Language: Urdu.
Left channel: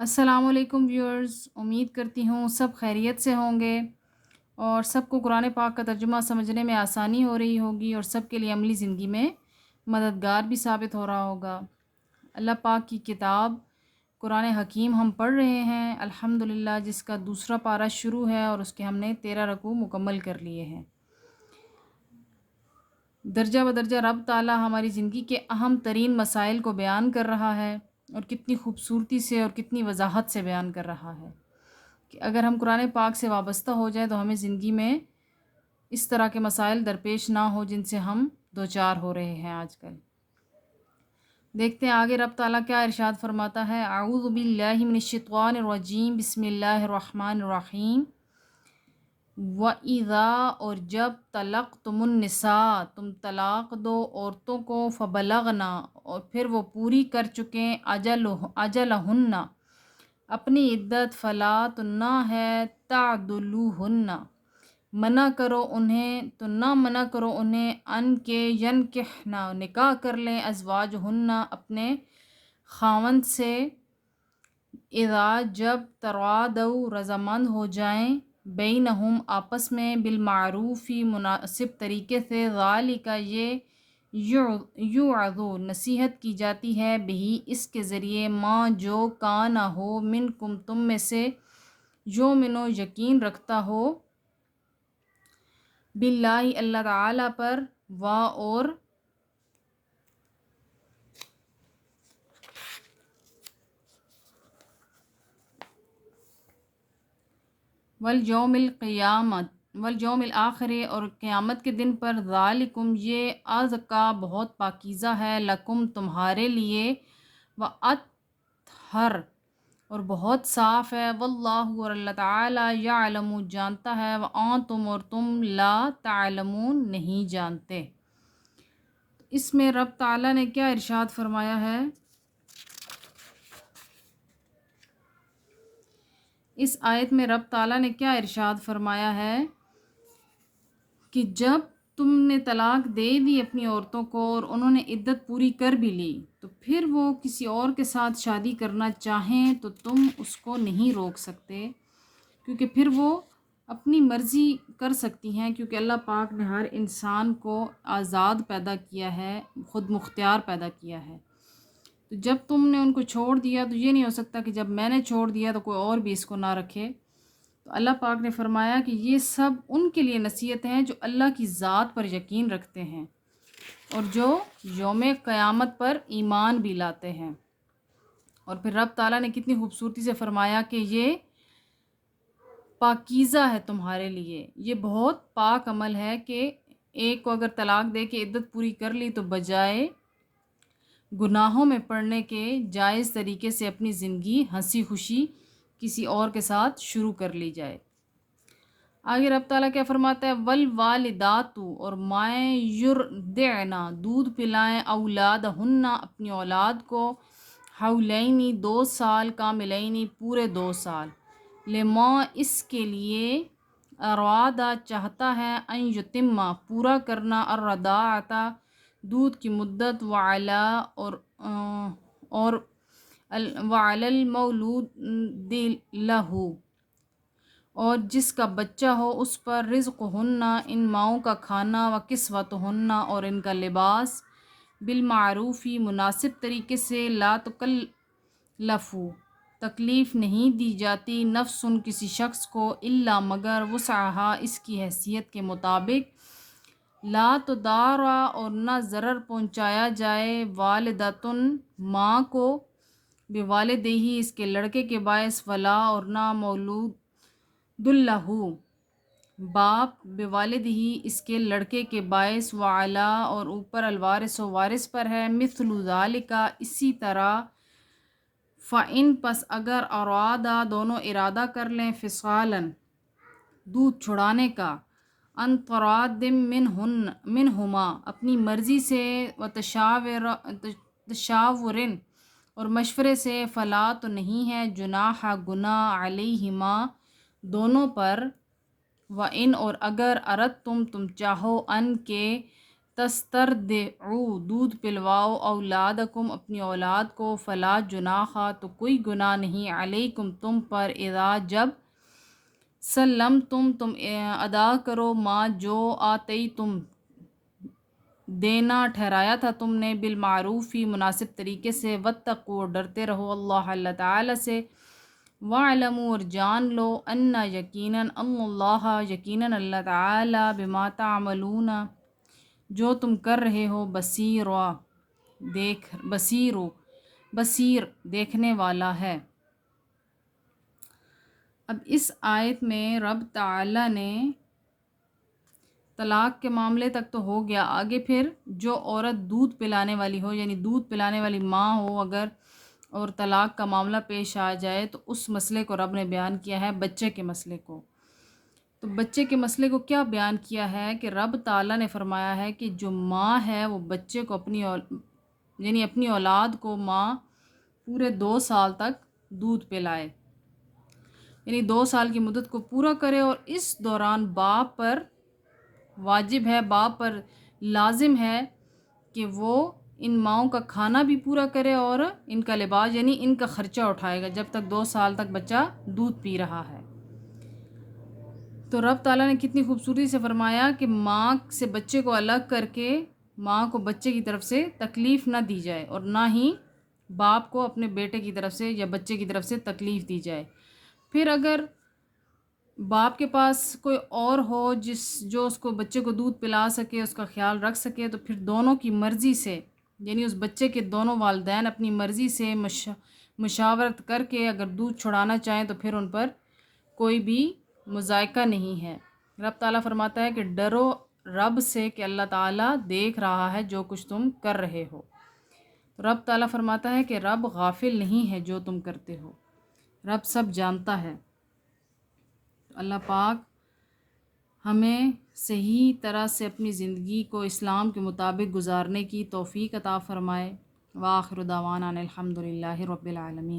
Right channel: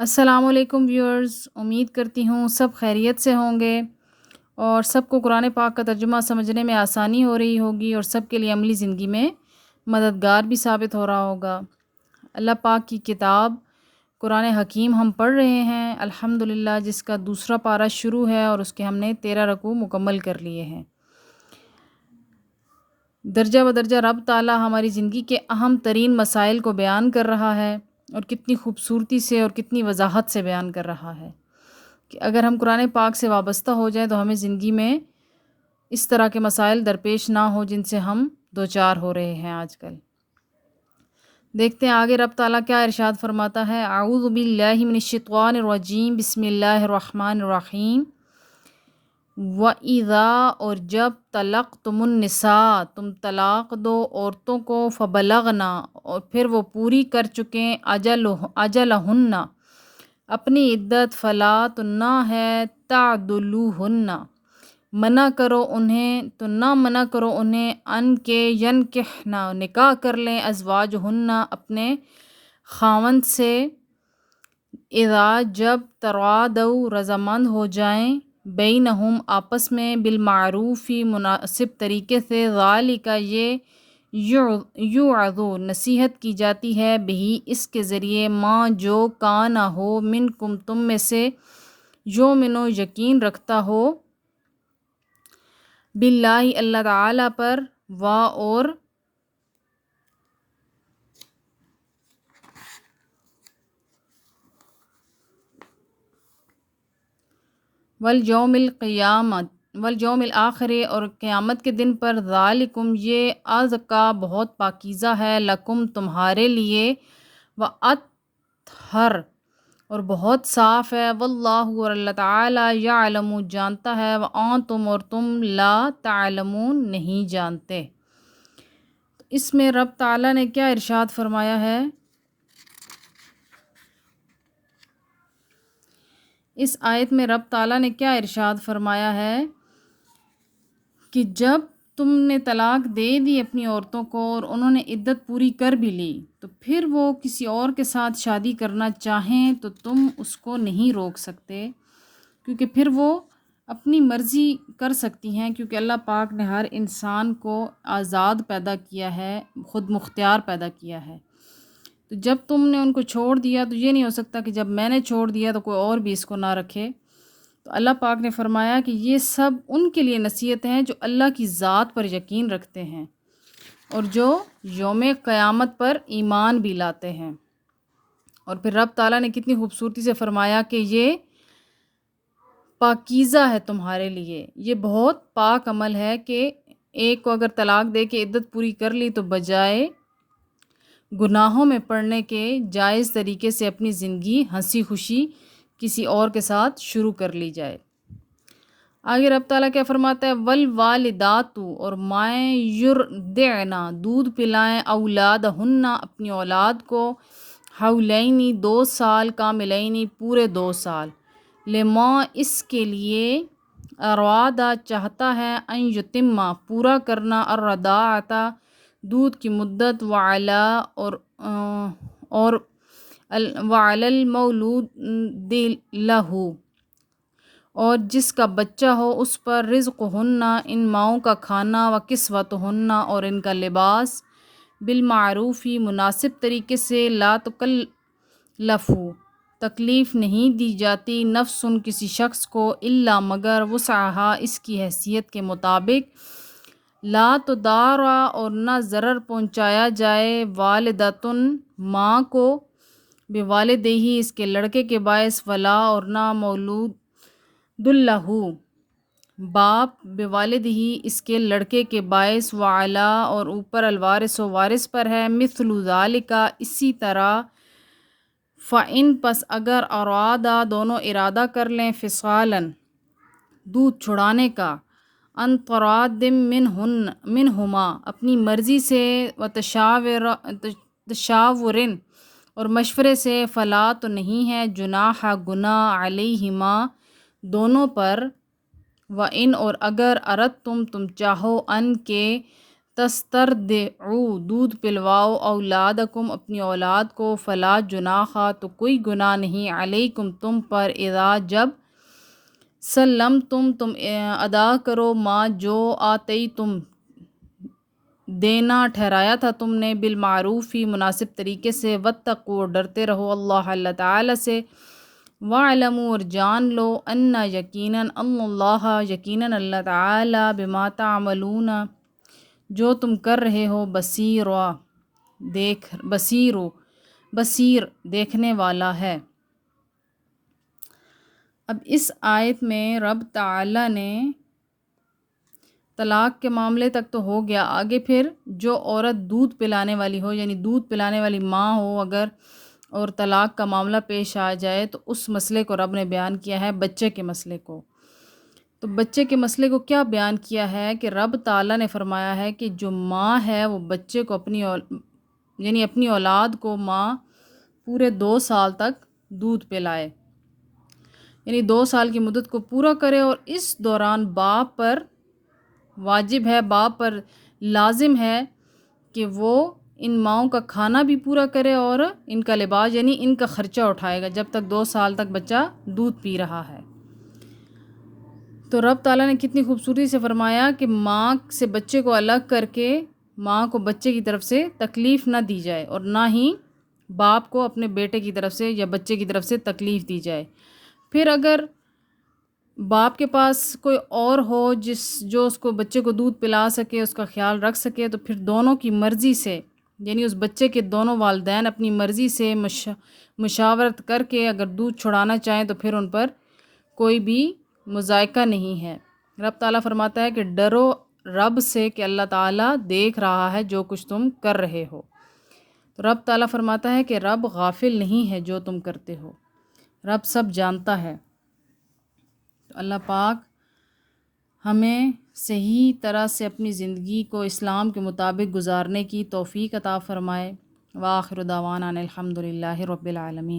السلام علیکم ویورز، امید کرتی ہوں سب خیریت سے ہوں گے اور سب کو قرآن پاک کا ترجمہ سمجھنے میں آسانی ہو رہی ہوگی اور سب کے لیے عملی زندگی میں مددگار بھی ثابت ہو رہا ہوگا۔ اللہ پاک کی کتاب قرآن حکیم ہم پڑھ رہے ہیں الحمدللہ، جس کا دوسرا پارہ شروع ہے اور اس کے ہم نے 13 رکوع مکمل کر لیے ہیں۔ درجہ بدرجہ رب تعالیٰ ہماری زندگی کے اہم ترین مسائل کو بیان کر رہا ہے اور کتنی خوبصورتی سے اور کتنی وضاحت سے بیان کر رہا ہے کہ اگر ہم قرآن پاک سے وابستہ ہو جائیں تو ہمیں زندگی میں اس طرح کے مسائل درپیش نہ ہو جن سے ہم دوچار ہو رہے ہیں آج کل۔ دیکھتے ہیں آگے رب تعالیٰ کیا ارشاد فرماتا ہے۔ اعوذ باللہ من الشیطان الرجیم، بسم اللہ الرحمن الرحیم۔ وَإِذَا، اور جب طلقتم النساء، تم طلاق دو عورتوں کو، فبلغنا، اور پھر وہ پوری کر چکیں، اجلہن، اپنی عدت، فلا تو نہ ہے، تعدلوہن، منع کرو انہیں، تو نہ منع کرو انہیں، ان کے ینکحنا، نکاح کر لیں، ازواجہن، اپنے خاوند سے، اذا، جب ترادوا، رضامند ہو جائیں، بینہم، آپس میں، بالمعروفی، مناسب طریقے سے، ذالک، یہ، یوعظ، نصیحت کی جاتی ہے، بہی، اس کے ذریعے، ماں، جو، کان ہو، منکم، تم میں سے، یؤمنو، یقین رکھتا ہو، باللہ، اللہ تعالیٰ پر، اور والیوم الآخر، اور قیامت کے دن پر، ذالکم، یہ، ازکا، بہت پاکیزہ ہے، لکم، تمہارے لیے، واطہر، اور بہت صاف ہے، واللہ، اور اللہ تعالیٰ، یعلم، جانتا ہے، وانتم، اور تم، لا تعلمون، نہیں جانتے۔ اس میں رب تعالیٰ نے کیا ارشاد فرمایا ہے؟ اس آیت میں رب تعالیٰ نے کیا ارشاد فرمایا ہے کہ جب تم نے طلاق دے دی اپنی عورتوں کو اور انہوں نے عدت پوری کر بھی لی، تو پھر وہ کسی اور کے ساتھ شادی کرنا چاہیں تو تم اس کو نہیں روک سکتے، کیونکہ پھر وہ اپنی مرضی کر سکتی ہیں، کیونکہ اللہ پاک نے ہر انسان کو آزاد پیدا کیا ہے، خود مختار پیدا کیا ہے۔ تو جب تم نے ان کو چھوڑ دیا تو یہ نہیں ہو سکتا کہ جب میں نے چھوڑ دیا تو کوئی اور بھی اس کو نہ رکھے۔ تو اللہ پاک نے فرمایا کہ یہ سب ان کے لیے نصیحت ہیں جو اللہ کی ذات پر یقین رکھتے ہیں اور جو یوم قیامت پر ایمان بھی لاتے ہیں۔ اور پھر رب تعالیٰ نے کتنی خوبصورتی سے فرمایا کہ یہ پاکیزہ ہے تمہارے لیے، یہ بہت پاک عمل ہے کہ ایک کو اگر طلاق دے کے عدت پوری کر لی تو بجائے گناہوں میں پڑنے کے جائز طریقے سے اپنی زندگی ہنسی خوشی کسی اور کے ساتھ شروع کر لی جائے۔ آگے رب تعالیٰ کیا فرماتا ہے؟ والوالدات، اور مائیں، یرضعن، دودھ پلائیں، اولادہن، اپنی اولاد کو، حولینی، 2 سال، کاملینی، پورے 2 سال، لما، اس کے لیے، ارادہ، چاہتا ہے، ان یتمہ، پورا کرنا، الرضاعۃ، دودھ کی مدت، اور وعلی المولود لہ، اور جس کا بچہ ہو اس پر، رزقہن، ان ماؤں کا کھانا، وکسوتہن، اور ان کا لباس، بالمعروفی، مناسب طریقے سے، لا تکلف، تکلیف نہیں دی جاتی، نفس، کسی شخص کو، الا، مگر، وسعہا، اس کی حیثیت کے مطابق، لا تضار، اور نہ ضرر پہنچایا جائے، والدتن، ماں کو، بوالدیہ، اس کے لڑکے کے باعث، ولا، اور نہ مولود لہ، باپ، بوالدہ، اس کے لڑکے کے باعث، وعلا، اور اوپر، الوارث، و وارث پر ہے، مثل ذالک، اسی طرح، فإن، پس اگر، ارادا، دونوں ارادہ کر لیں، فصالاً، دودھ چھڑانے کا، ان تراد منہما، اپنی مرضی سے، تشاورن، اور مشورے سے، فلا، تو نہیں ہے، جناح، گناہ، علیہما، دونوں پر، وَإِنْ، اور اگر، اردتم، تم چاہو، ان کے، تسترضعوا دودھ پلواؤ اولادکم اپنی اولاد کو فلا جناح تو کوئی گناہ نہیں علیکم تم پر اذا جب تم ادا کرو ما جو آتی تم دینا ٹھہرایا تھا تم نے بالمعروف ہی مناسب طریقے سے واتقوا ڈرتے رہو اللہ تعالی سے وَاعْلَمُوا اور جان لو ان یقیناً یقیناً اللہ تعالی بما تعملون جو تم کر رہے ہو بصیر دیکھنے والا ہے۔ اب اس آیت میں رب تعالی نے طلاق کے معاملے تک تو ہو گیا، آگے پھر جو عورت دودھ پلانے والی ہو یعنی دودھ پلانے والی ماں ہو اگر اور طلاق کا معاملہ پیش آ جائے تو اس مسئلے کو رب نے بیان کیا ہے، بچے کے مسئلے کو۔ تو بچے کے مسئلے کو کیا بیان کیا ہے کہ رب تعالیٰ نے فرمایا ہے کہ جو ماں ہے وہ بچے کو یعنی اپنی اولاد کو ماں پورے 2 سال تک دودھ پلائے، یعنی 2 سال کی مدت کو پورا کرے، اور اس دوران باپ پر واجب ہے، باپ پر لازم ہے کہ وہ ان ماؤں کا کھانا بھی پورا کرے اور ان کا لباس یعنی ان کا خرچہ اٹھائے گا جب تک 2 سال تک بچہ دودھ پی رہا ہے۔ تو رب تعالیٰ نے کتنی خوبصورتی سے فرمایا کہ ماں سے بچے کو الگ کر کے ماں کو بچے کی طرف سے تکلیف نہ دی جائے اور نہ ہی باپ کو اپنے بیٹے کی طرف سے یا بچے کی طرف سے تکلیف دی جائے۔ پھر اگر باپ کے پاس کوئی اور ہو جو اس کو بچے کو دودھ پلا سکے، اس کا خیال رکھ سکے، تو پھر دونوں کی مرضی سے یعنی اس بچے کے دونوں والدین اپنی مرضی سے مشاورت کر کے اگر دودھ چھڑانا چاہیں تو پھر ان پر کوئی بھی مذائقہ نہیں ہے۔ رب تعالیٰ فرماتا ہے کہ ڈرو رب سے کہ اللہ تعالیٰ دیکھ رہا ہے جو کچھ تم کر رہے ہو۔ رب تعالیٰ فرماتا ہے کہ رب غافل نہیں ہے جو تم کرتے ہو، رب سب جانتا ہے۔ اللہ پاک ہمیں صحیح طرح سے اپنی زندگی کو اسلام کے مطابق گزارنے کی توفیق عطا فرمائے۔ وآخر دعوانا ان الحمد للہ رب العالمین۔